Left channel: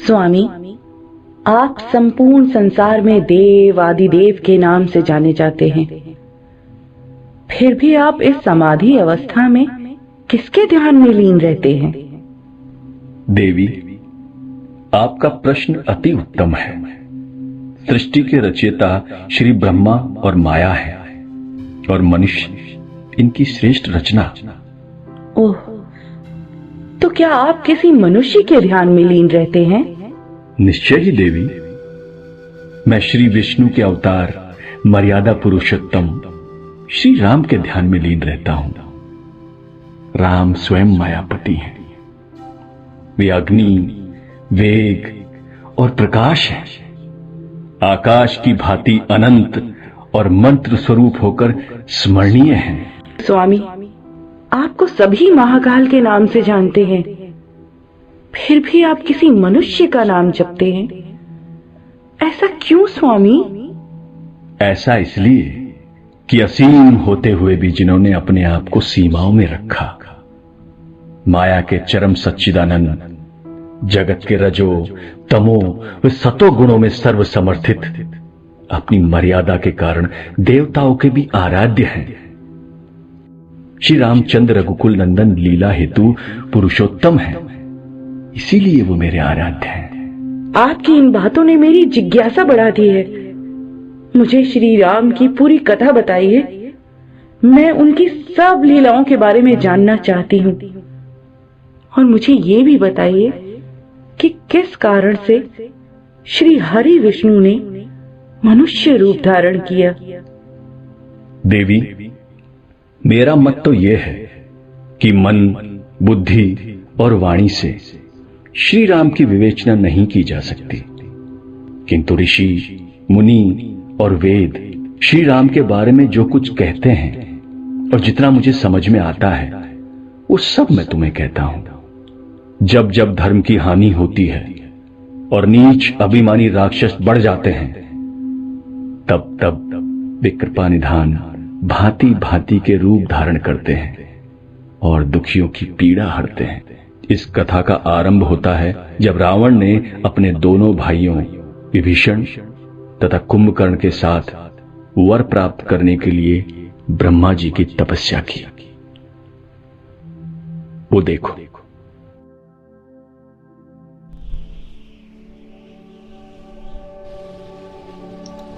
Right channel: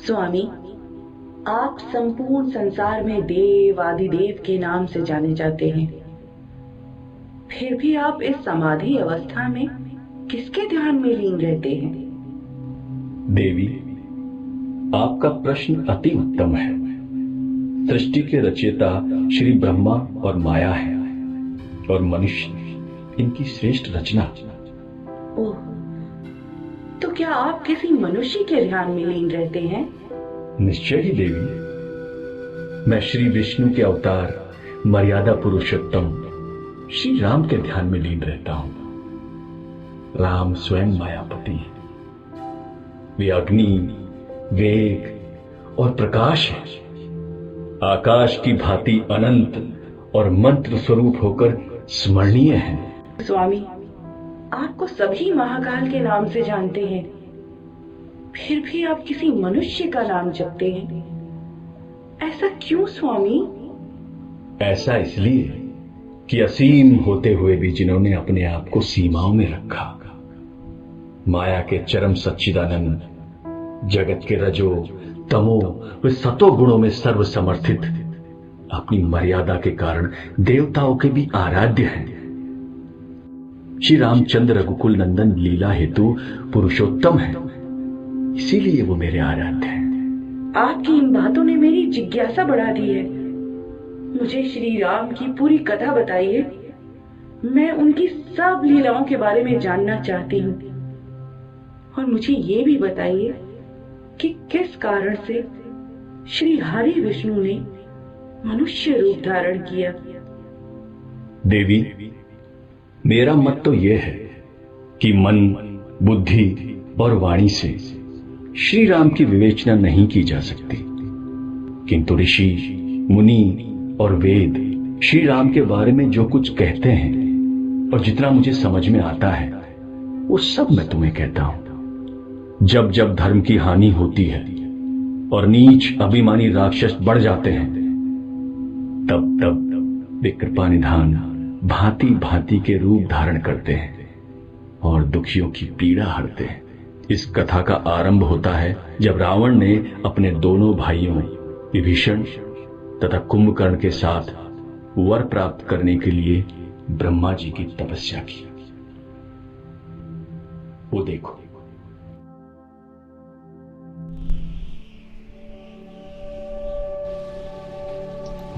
स्वामी, आप संपूर्ण संसार में देव आदिदेव के नाम से जाने जाते हैं, फिर भी आप इस समाधि अवस्था में किसके ध्यान में लीन रहते हैं? देवी, आपका प्रश्न अति उत्तम है। सृष्टि के रचयिता श्री ब्रह्मा और माया है और मनुष्य इनकी श्रेष्ठ रचना। ओह, तो क्या आप किसी मनुष्य के ध्यान में लीन रहते हैं? निश्चय ही देवी, मैं श्री विष्णु के अवतार मर्यादा पुरुषोत्तम श्री राम के ध्यान में लीन रहता हूं। राम स्वयं मायापति हैं। वे अग्नि, वेग और प्रकाश हैं। आकाश की भांति अनंत और मंत्र स्वरूप होकर स्मरणीय हैं। स्वामी, आपको सभी महाकाल के नाम से जानते हैं, फिर भी आप किसी मनुष्य का नाम जपते हैं। ऐसा क्यों स्वामी? ऐसा इसलिए कि असीम होते हुए भी जिन्होंने अपने आप को सीमाओं में रखा, माया के चरम सच्चिदानंद, जगत के रजो तमो व सतो गुणों में सर्व समर्थित, अपनी मर्यादा के कारण देवताओं के भी आराध्य हैं। श्री रामचंद्र रघुकुल नंदन लीला हेतु पुरुषोत्तम है, इसीलिए वो मेरे आराध्य हैं। आपकी इन बातों ने मेरी जिज्ञासा बढ़ा दी है। मुझे श्री राम की पूरी कथा बताइए। मैं उनकी सब लीलाओं के बारे में जानना चाहती हूँ। और मुझे ये भी बताइए कि किस कारण से श्री हरि विष्णु ने मनुष्य रूप धारण किया। देवी, मेरा मत तो यह है कि मन, बुद्धि और वाणी से श्री राम की विवेचना नहीं की जा सकती, किंतु ऋषि, मुनि और वेद श्री राम के बारे में जो कुछ कहते हैं और जितना मुझे समझ में आता है वो सब मैं तुम्हें कहता हूं। जब जब धर्म की हानि होती है और नीच अभिमानी राक्षस बढ़ जाते हैं, तब तब वे कृपा निधान भांति भांति के रूप धारण करते हैं और दुखियों की पीड़ा हरते हैं। इस कथा का आरंभ होता है जब रावण ने अपने दोनों भाइयों विभीषण तथा कुंभकर्ण के साथ वर प्राप्त करने के लिए ब्रह्मा जी की तपस्या की। वो देखो।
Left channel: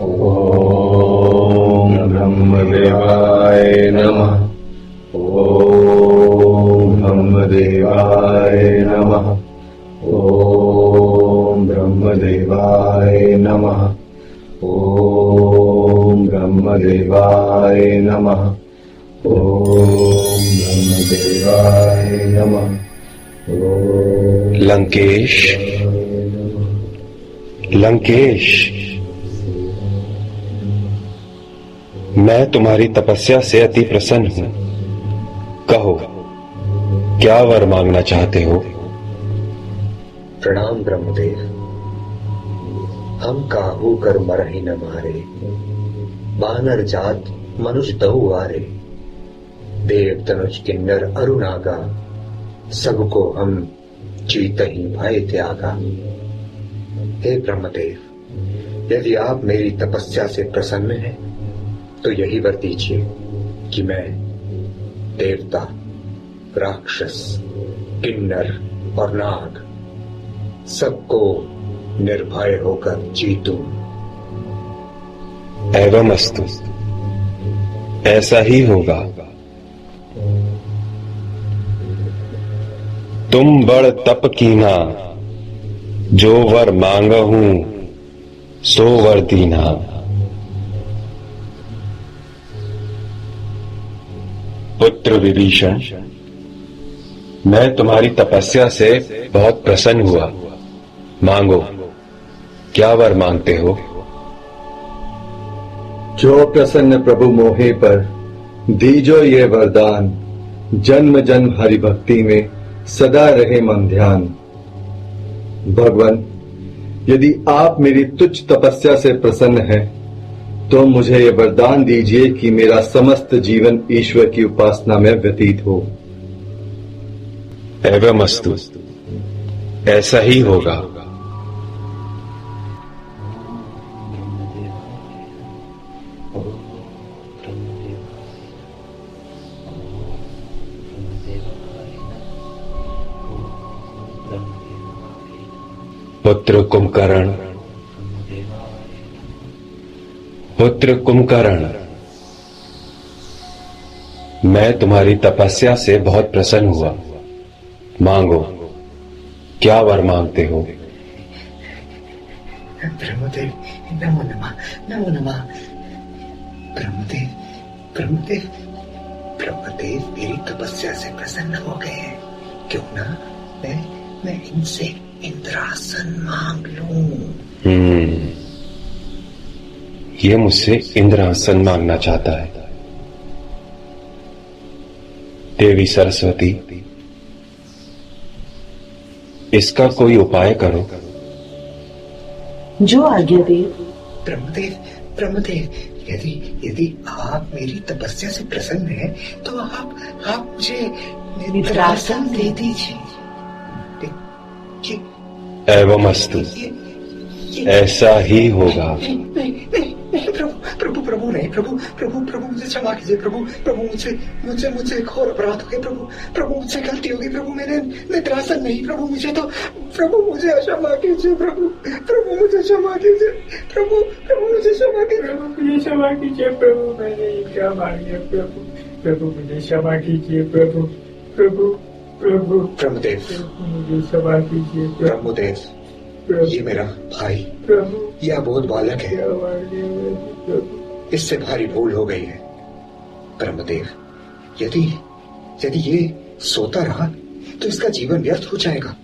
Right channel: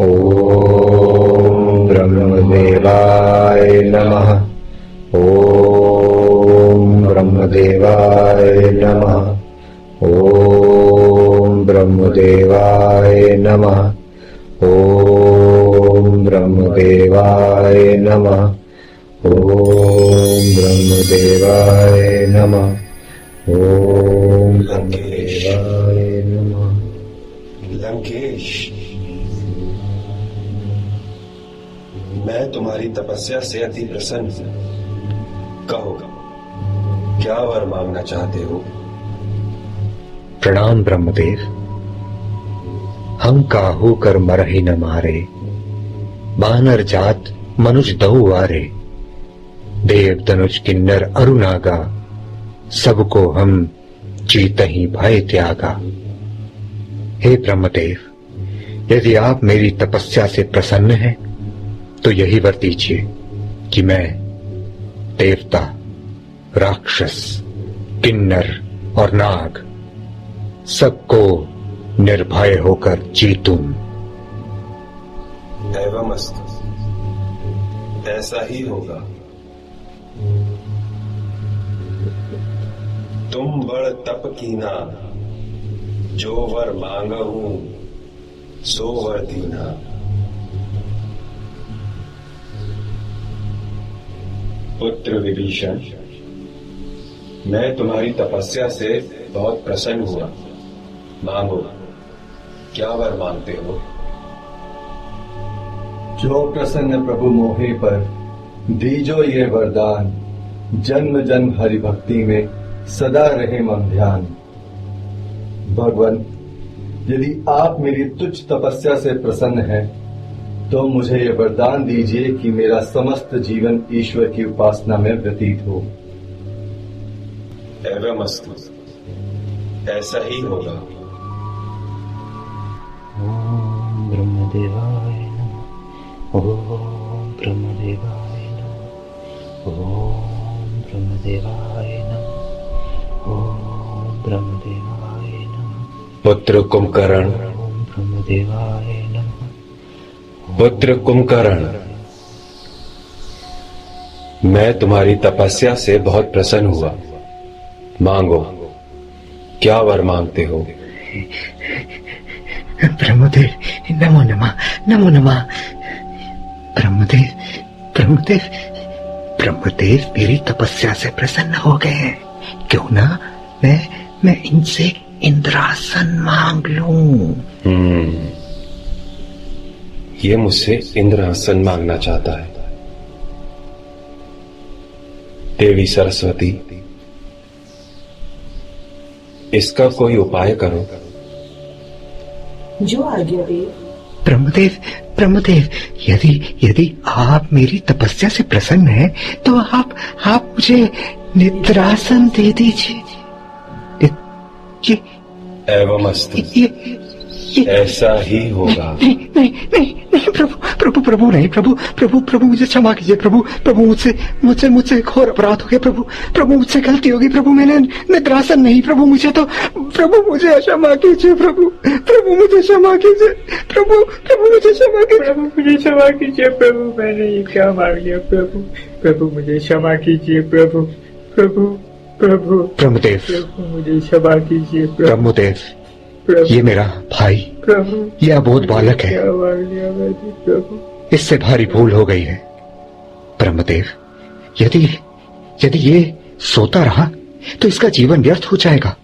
ओम ब्रह्मदेवाय नमः। ओम ब्रह्मदेवाय नमः। ओम ब्रह्मदेवाय नमः। ओम ब्रह्मदेवाय नमः। ओम ब्रह्मदेवाय नमः। ओम लंकेश, मैं तुम्हारी तपस्या से अति प्रसन्न हूं। कहो, क्या वर मांगना चाहते हो? प्रणाम ब्रह्मदेव। हम काहू कर मरहि न मारे, बानर जात मनुज दहु आरे। देव धनुष किन्नर अरुनागा, सबको हम चीतहि भय त्यागा। हे ब्रह्मदेव, यदि आप मेरी तपस्या से प्रसन्न हैं तो यही वर दीजिए कि मैं देवता, राक्षस, किन्नर और नाग सबको निर्भय होकर जीतूं। एवं अस्तु, ऐसा ही होगा। तुम बड़ तप कीना, जो वर मांगहूं सो वर दीना। पुत्र विभीषण, मैं तुम्हारी तपस्या से बहुत प्रसन्न हुआ। मांगो, क्या वर मांगते हो? जो प्रसन्न प्रभु मोहे पर दीजो ये वरदान, जन्म जन्म हरि भक्ति में सदा रहे मन ध्यान। भगवान, यदि आप मेरी तुच्छ तपस्या से प्रसन्न हैं, तो मुझे ये वरदान दीजिए कि मेरा समस्त जीवन ईश्वर की उपासना में व्यतीत हो। एवमस्तु, ऐसा ही होगा। पुत्र कुंभकर्ण, पुत्र कुंभकर्ण, मैं तुम्हारी तपस्या से बहुत प्रसन्न हुआ। मांगो, क्या वर मांगते हो? ब्रह्मदेव, नमो नमः, नमो नमः। ब्रह्मदेव, ब्रह्मदेव, ब्रह्मदेव मेरी तपस्या से प्रसन्न हो गए हैं। क्यों ना मैं इनसे इंद्रासन मांग लूं। ये मुझसे इंद्रासन मांगना चाहता है। देवी सरस्वती, इसका कोई उपाय करो। जो आज्ञा दे। ब्रह्मदेव, ब्रह्मदेव, यदि आप मेरी तपस्या से प्रसन्न हैं, तो आप मुझे निद्रासन दे दीजिए। एवमस्तु, ऐसा ही होगा। नहीं, प्रभु नहीं, प्रभु मुझे क्षमा कीजिए। प्रभु मुझसे घोर अपराध हो गया। प्रभु मुझसे गलती होगी। प्रभु मैंने निद्रासन नहीं। प्रभु मुझे क्षमा कीजिए। प्रभु मुझे क्षमा कीजिए। प्रभु मुझे क्षमा कीजिए। प्रभु मुझे क्षमा कीजिए। प्रभु मैंने ये क्या मांग लिया? प्रभु मुझे क्षमा कीजिए। प्रभु ब्रह्मदेव, मुझे क्षमा कीजिए। ब्रह्मदेव, ये मेरा भाई, ये अबोध बालक है। इससे भारी भूल हो गई है। ब्रह्मदेव, यदि ये सोता रहा तो इसका जीवन व्यर्थ हो जाएगा,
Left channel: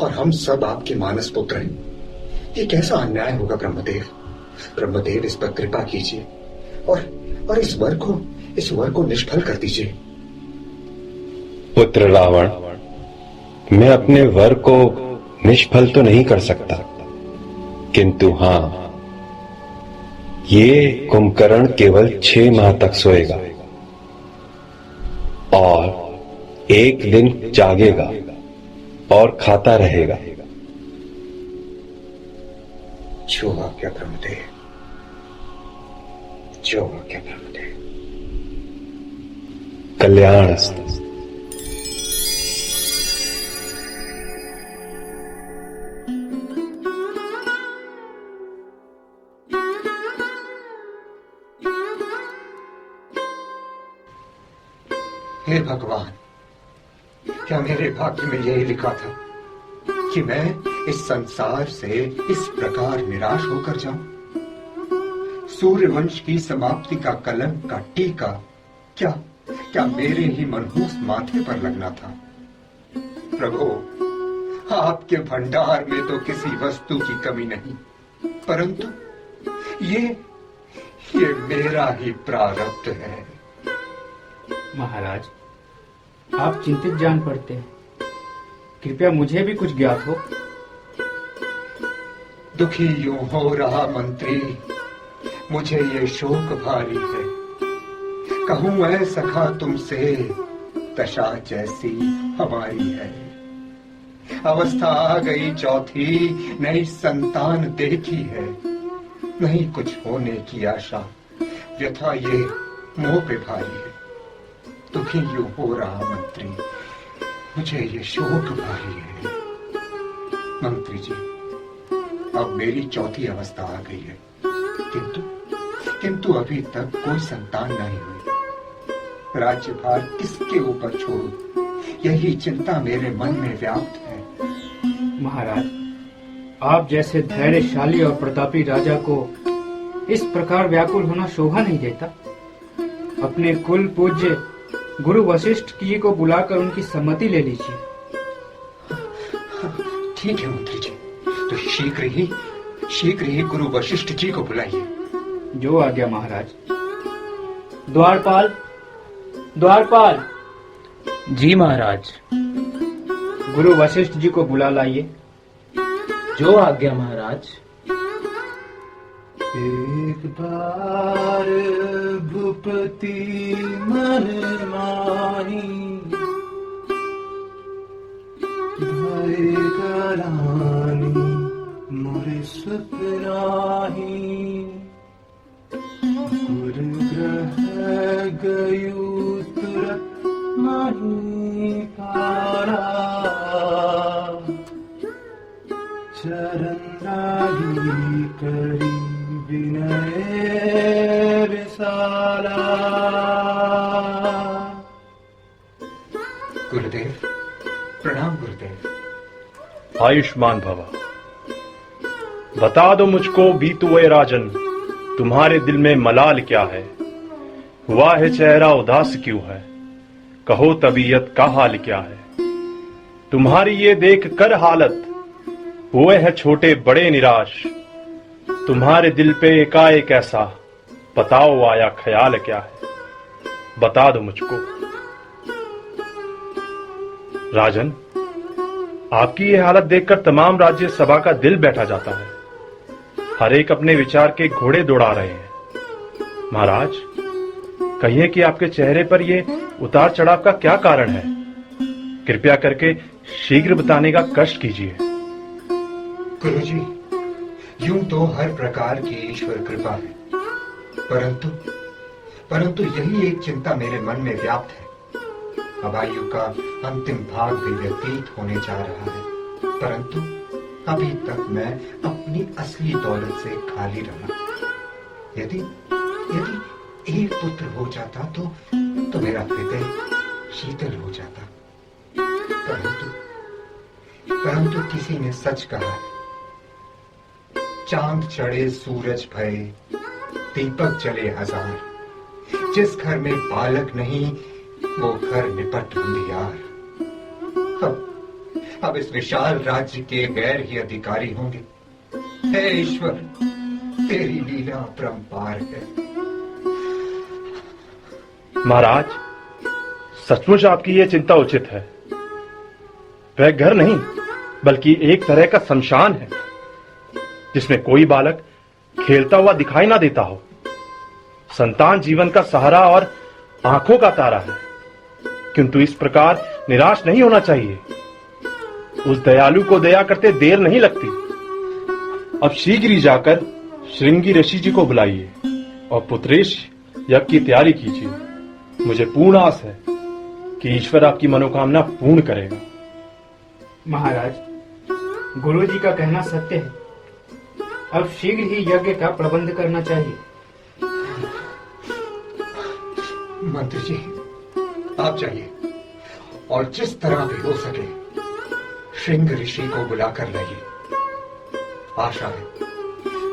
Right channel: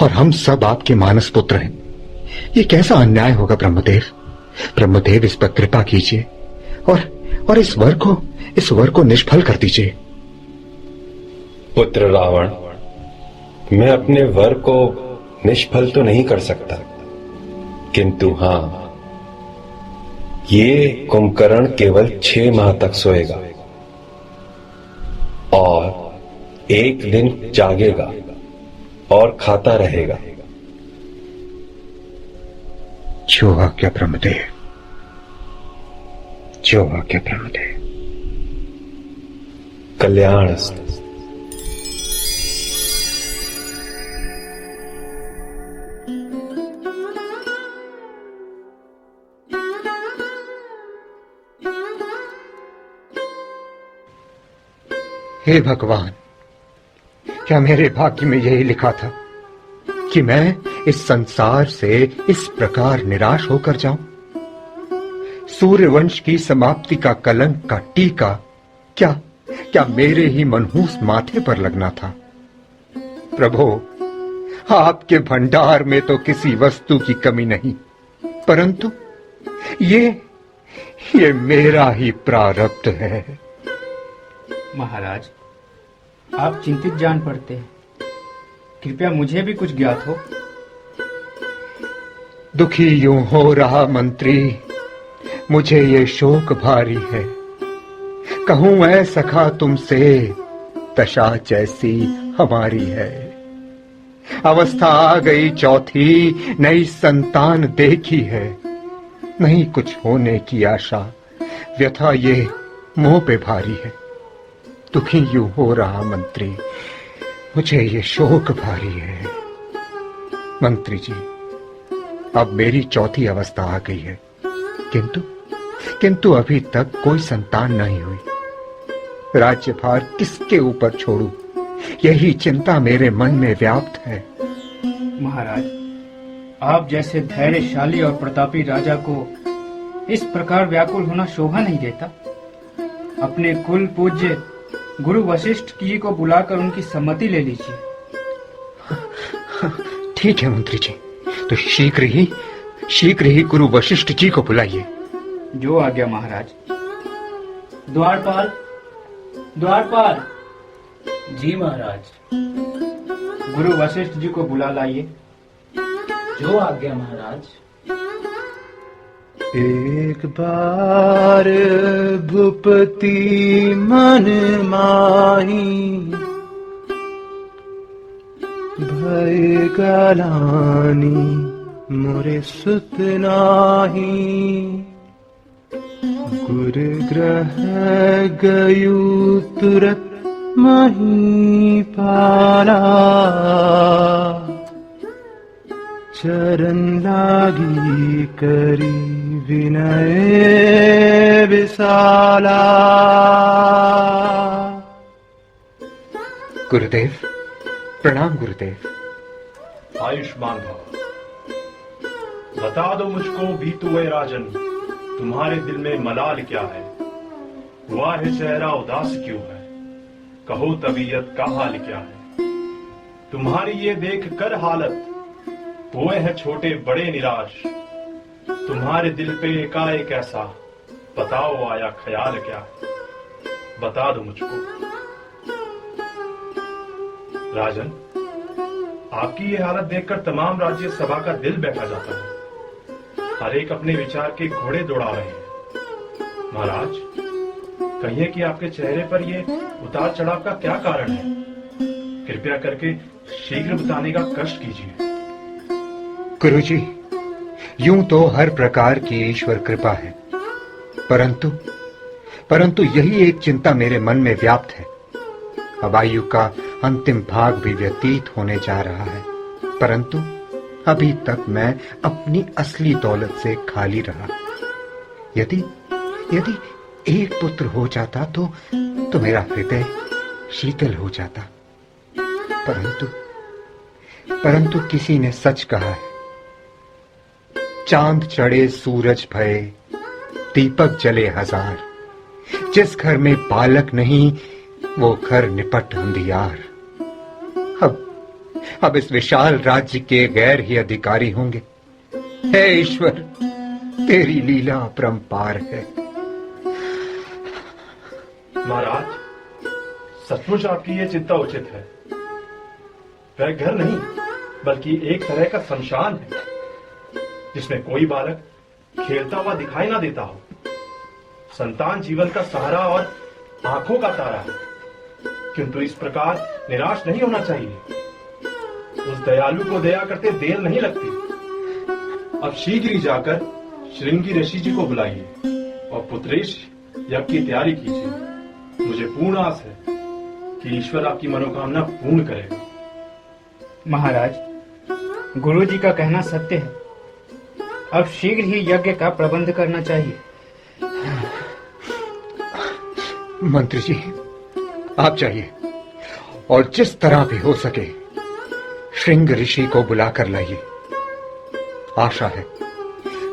और हम सब आपके मानस पुत्र हैं। ये कैसा अन्याय होगा? ब्रह्मदेव, इस पर कृपा कीजिए और इस वर को निष्फल कर दीजिए। पुत्र रावण, मैं अपने वर को निष्फल तो नहीं कर सकता, किंतु हां, ये कुंभकर्ण केवल 6 माह तक सोएगा और एक दिन जागेगा और खाता रहेगा। जो आज्ञा ब्रह्मदेव, जो आज्ञा ब्रह्मदेव। कल्याणस्तु। हे भगवान, क्या मेरे भाग्य में यही लिखा था कि मैं इस संसार से इस प्रकार निराश होकर जाऊं? सूर्यवंश की समाप्ति का कलंक का टीका क्या मेरे ही मनहूस माथे पर लगना था? प्रभु, आपके भंडार में तो किसी वस्तु की कमी नहीं, परंतु ये मेरा ही प्रारब्ध है। महाराज, आप चिंतित जान पड़ते हैं। कृपया मुझे भी कुछ ज्ञात हो। दुखी यूं हो रहा मंत्री, मुझे ये शोक भारी है। कहूं मैं सखा तुमसे, दशा जैसी हमारी है। अवस्था आ गई चौथी, नई संतान देखी है। नहीं कुछ होने की आशा, व्यथा ये मोह पे भारी है। दुखी यूं हो रहा मंत्री, मुझे ये शोक भारी है। मंत्री जी, अब मेरी चौथी अवस्था आ गई है, किंतु अभी तक कोई संतान नहीं हुई। राज्यभार किसके ऊपर छोड़ूं, यही चिंता मेरे मन में व्याप्त है। महाराज, आप जैसे धैर्यशाली और प्रतापी राजा को इस प्रकार व्याकुल होना शोभा नहीं देता। अपने कुल पूज्य गुरु वशिष्ठ जी को बुलाकर उनकी सम्मति ले लीजिए। ठीक है मंत्री जी, तो शीघ्र ही शीघ्र ही गुरु वशिष्ठ जी को बुलाइए। जो आज्ञा महाराज। द्वारपाल, द्वारपाल। जी महाराज। गुरु वशिष्ठ जी को बुला लाइए। जो आज्ञा महाराज। एक बार भूपति मन माही, भय गलानी मोरे सुत नाही। गुरु ग्रह गयु तुरत मही पाला, चरण लागी करी विनय विशाला। गुरुदेव प्रणाम। गुरुदेव आयुष्मान भव। बता दो मुझको बीतुए राजन, तुम्हारे दिल में मलाल क्या है? हुआ है चेहरा उदास क्यों है? कहो तबीयत का हाल क्या है? तुम्हारी ये देख कर हालत, हुए हैं छोटे बड़े निराश। तुम्हारे दिल पे एकाएक ऐसा, बताओ आया ख्याल क्या है? बता दो मुझको राजन। आपकी ये हालत देखकर तमाम राज्य सभा का दिल बैठा जाता है। हर एक अपने विचार के घोड़े दौड़ा रहे हैं। महाराज, कहिए कि आपके चेहरे पर ये उतार चढ़ाव का क्या कारण है? कृपया करके शीघ्र बताने का कष्ट कीजिए। गुरुजी, यूं तो हर प्रकार की ईश्वर कृपा है, परंतु यही एक चिंता मेरे मन में व्याप्त है। अब आयु का अंतिम भाग भी व्यतीत होने जा रहा है, परंतु अभी तक मैं अपनी असली दौलत से खाली रहा। यदि एक पुत्र हो जाता तो मेरा हृदय शीतल हो जाता, परंतु किसी ने सच कहा है, चांद चढ़े सूरज भये, दीपक जले हजार। जिस घर में बालक नहीं, वो घर निपट अंधियार। अब इस विशाल राज्य के गैर ही अधिकारी होंगे। हे ईश्वर, तेरी लीला अपरंपार है। महाराज, सचमुच आपकी ये चिंता उचित है। वह घर नहीं, बल्कि एक तरह का शमशान है, जिसमें कोई बालक खेलता हुआ दिखाई ना देता हो। संतान जीवन का सहारा और आंखों का तारा है, किंतु इस प्रकार निराश नहीं होना चाहिए। उस दयालु को दया करते देर नहीं लगती। अब शीघ्र ही जाकर श्रृंगी ऋषि जी को बुलाइए और पुत्रेश यज्ञ की तैयारी कीजिए। मुझे पूर्ण आस है कि ईश्वर आपकी मनोकामना पूर्ण करेगा। महाराज, गुरु जी का कहना सत्य है। अब शीघ्र ही यज्ञ का प्रबंध करना चाहिए। मंत्री जी, आप जाइए और जिस तरह भी हो सके श्रृंग ऋषि को बुलाकर लाइए। आशा है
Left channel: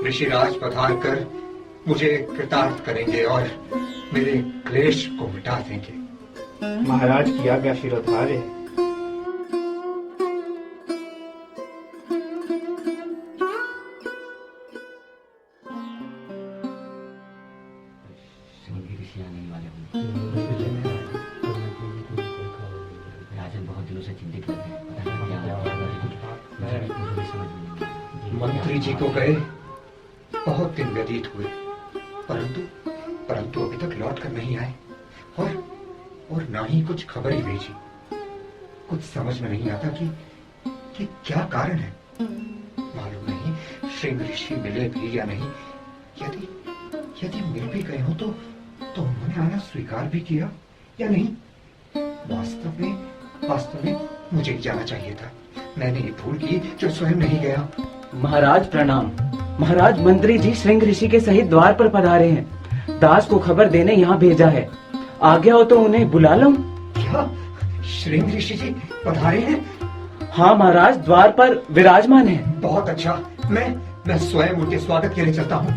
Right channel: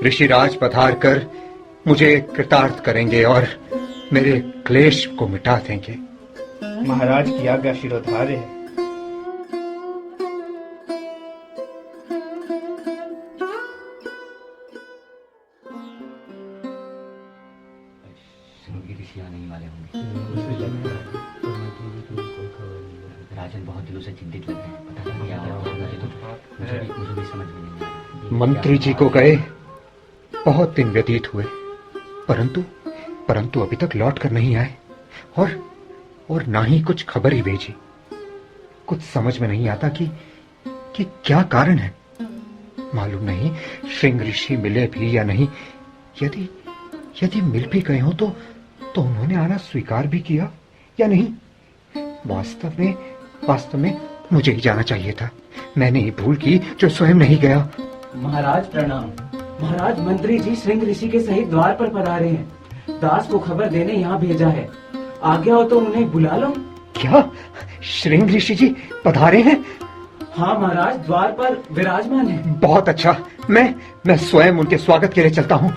ऋषिराज पधार कर मुझे कृतार्थ करेंगे और मेरे क्लेश को मिटा देंगे। महाराज की आज्ञा शिरोधार्य है। आने वाले होंगे। राजन बहुत दिनों से चिंतित लग रहे हैं। पता नहीं क्या होगा, मुझे भी समझ में नहीं आ रहा। मंत्री जी को गए बहुत दिन व्यतीत हुए, परंतु अभी तक लौट कर नहीं आए और ना ही कुछ खबर ही भेजी। कुछ समझ में नहीं आता कि क्या कारण है। मालूम नहीं श्रृंग ऋषि मिले भी या नहीं। यदि मिल भी गए हो तो उन्होंने आना स्वीकार भी किया या नहीं। वास्तव में मुझे ही जाना चाहिए था। मैंने ही भूल की जो स्वयं नहीं गया। महाराज प्रणाम। महाराज, मंत्री जी श्रृंग ऋषि के सहित द्वार पर पधारे हैं। दास को खबर देने यहाँ भेजा है। आज्ञा हो तो उन्हें बुला लो। क्या श्रृंग ऋषि जी पधारे हैं? हाँ महाराज, द्वार पर विराजमान है। बहुत अच्छा, मैं स्वयं उनके स्वागत के लिए चलता हूँ।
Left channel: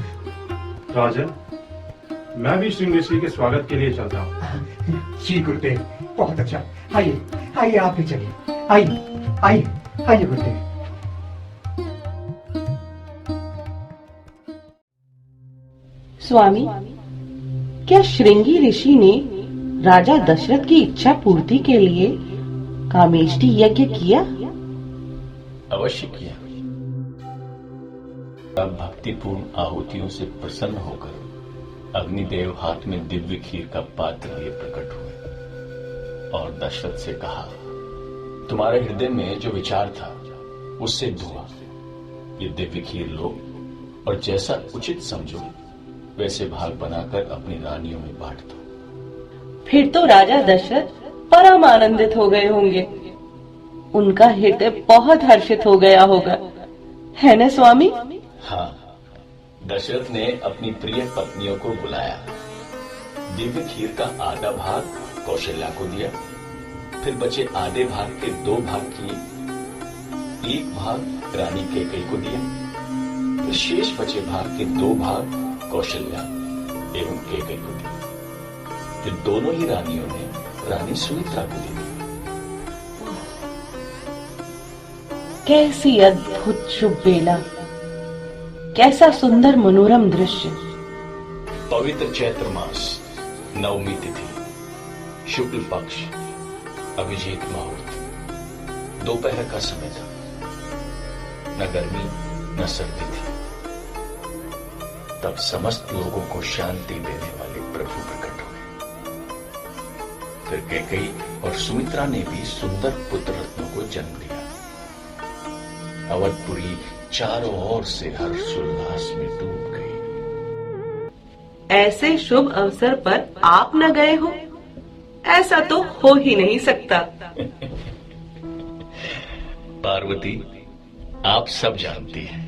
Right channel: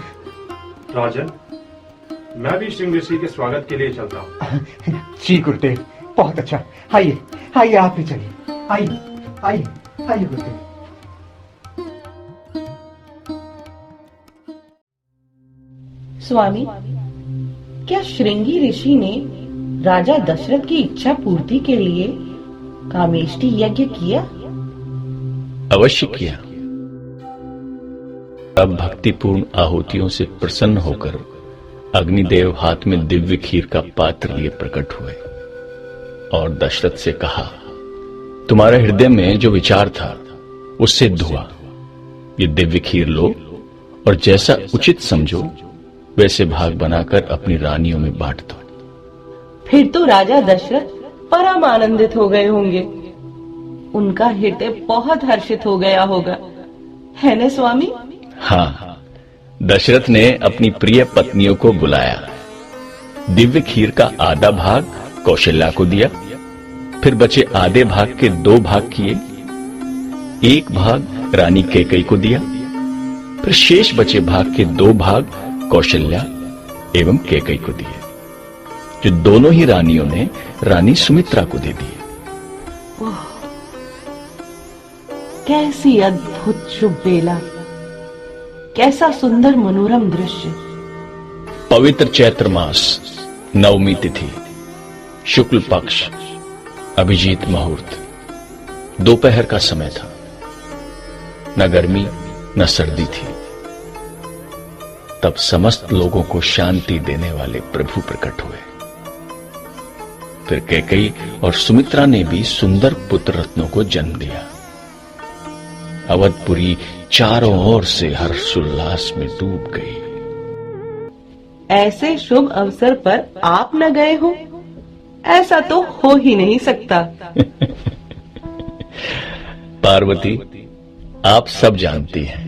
राजन, मैं भी श्रृंग ऋषि के स्वागत के लिए चलता हूँ। जी गुरुदेव, बहुत अच्छा। आइए आप भी चलिए। आइए गुरुदेव। स्वामी, क्या श्रृंगी ऋषि ने राजा दशरथ की इच्छा पूर्ति के लिए कामेष्टि यज्ञ किया? अवश्य किया। अब भक्तिपूर्ण आहुतियों से प्रसन्न होकर अग्निदेव हाथ में दिव्य खीर का पात्र लिए प्रकट हुए और दशरथ से कहा, तुम्हारे हृदय में जो विचार था वो सिद्ध हुआ। ये दिव्य खीर लो और जैसा उचित समझो वैसे भाग बनाकर अपनी रानियों में बांट दो। फिर तो राजा दशरथ परम आनंदित हो गए होंगे। उनका हृदय बहुत हर्षित हो गया होगा, है न स्वामी? हाँ, दशरथ ने अपनी प्रिय पत्नियों को बुलाया। दिव्य खीर का आधा भाग कौशल्या को दिया, फिर बचे आधे भाग के 2 भाग किए। एक भाग रानी कैकेयी को दिया, फिर शेष बचे भाग के 2 भाग कौशल्या एवं कैकेयी को दिए, जो दोनों ही रानियों ने रानी सुमित्रा को दे दिए। कैसी अद्भुत शुभ बेला, कैसा सुंदर मनोरम दृश्य। पवित्र चैत्र मास, नवमी तिथि, शुक्ल पक्ष, अभिजीत मुहूर्त, दोपहर का समय था। न गर्मी न सर्दी थी। तब समस्त लोगों को शांति देने वाले प्रभु प्रकट हुए। फिर कैकेयी और सुमित्रा ने भी सुंदर पुत्र रत्नों को जन्म दिया। अवधपुरी चारों ओर से हर्षोल्लास में डूब गई। ऐसे शुभ अवसर पर आप न गए हो, ऐसा तो हो ही नहीं सकता। पार्वती, आप सब जानती हैं,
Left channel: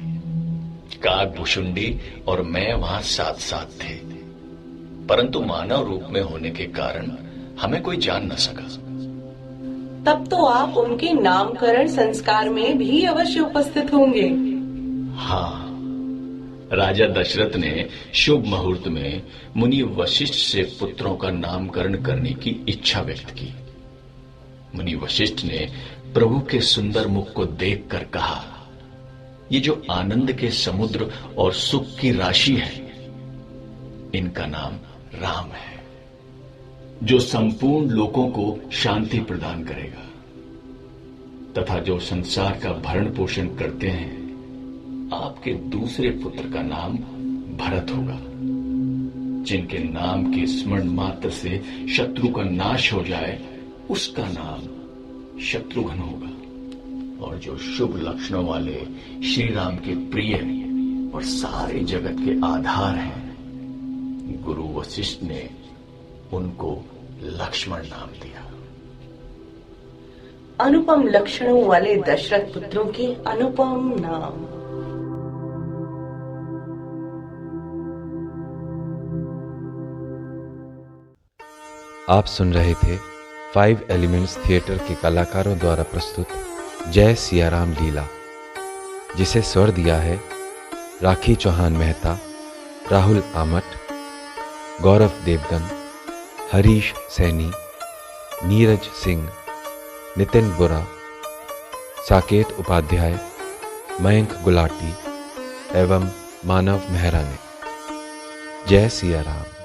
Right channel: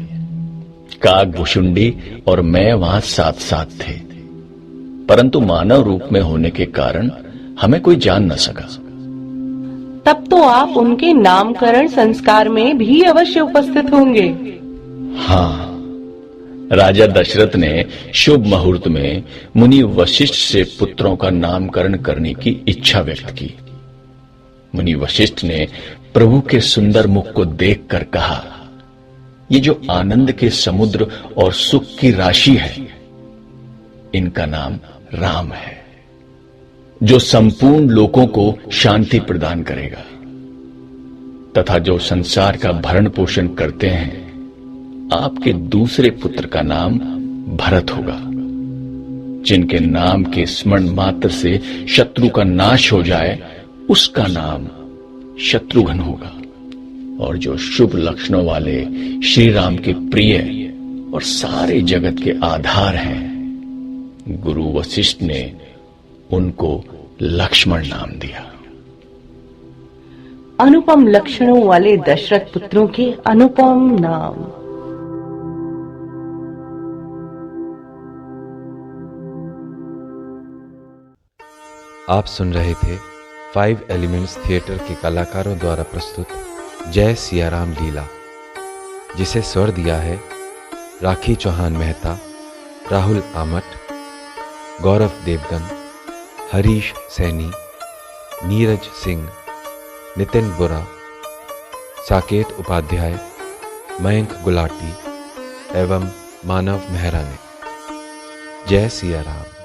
काकभुशुंडी और मैं वहां साथ साथ थे, परंतु मानव रूप में होने के कारण हमें कोई जान न सका। तब तो आप उनके नामकरण संस्कार में भी अवश्य उपस्थित होंगे। हाँ, राजा दशरथ ने शुभ मुहूर्त में मुनि वशिष्ठ से पुत्रों का नामकरण करने की इच्छा व्यक्त की। मुनि वशिष्ठ ने प्रभु के सुंदर मुख को देखकर कहा, ये जो आनंद के समुद्र और सुख की राशि है, इनका नाम राम है, जो संपूर्ण लोगों को शांति प्रदान करेगा तथा जो संसार का भरण पोषण करते हैं। आपके दूसरे पुत्र का नाम भरत होगा, जिनके नाम के स्मरण मात्र से शत्रु का नाश हो जाए, उसका नाम शत्रुघ्न होगा। और जो शुभ लक्षणों वाले श्री राम के प्रिय और सारे जगत के आधार हैं, गुरु वशिष्ठ ने उनको लक्ष्मण नाम दिया। अनुपम लक्षणों वाले दशरथ पुत्रों के अनुपम नाम। आप सुन रहे थे 5 एलिमेंट्स थिएटर के कलाकारों द्वारा प्रस्तुत जय सियाराम लीला, जिसे स्वर दिया है राखी चौहान मेहता, राहुल आमट, गौरव देवगन, हरीश सैनी, नीरज सिंह, नितिन बुरा, साकेत उपाध्याय, मयंक गुलाटी एवं मानव मेहरा ने। जय सियाराम।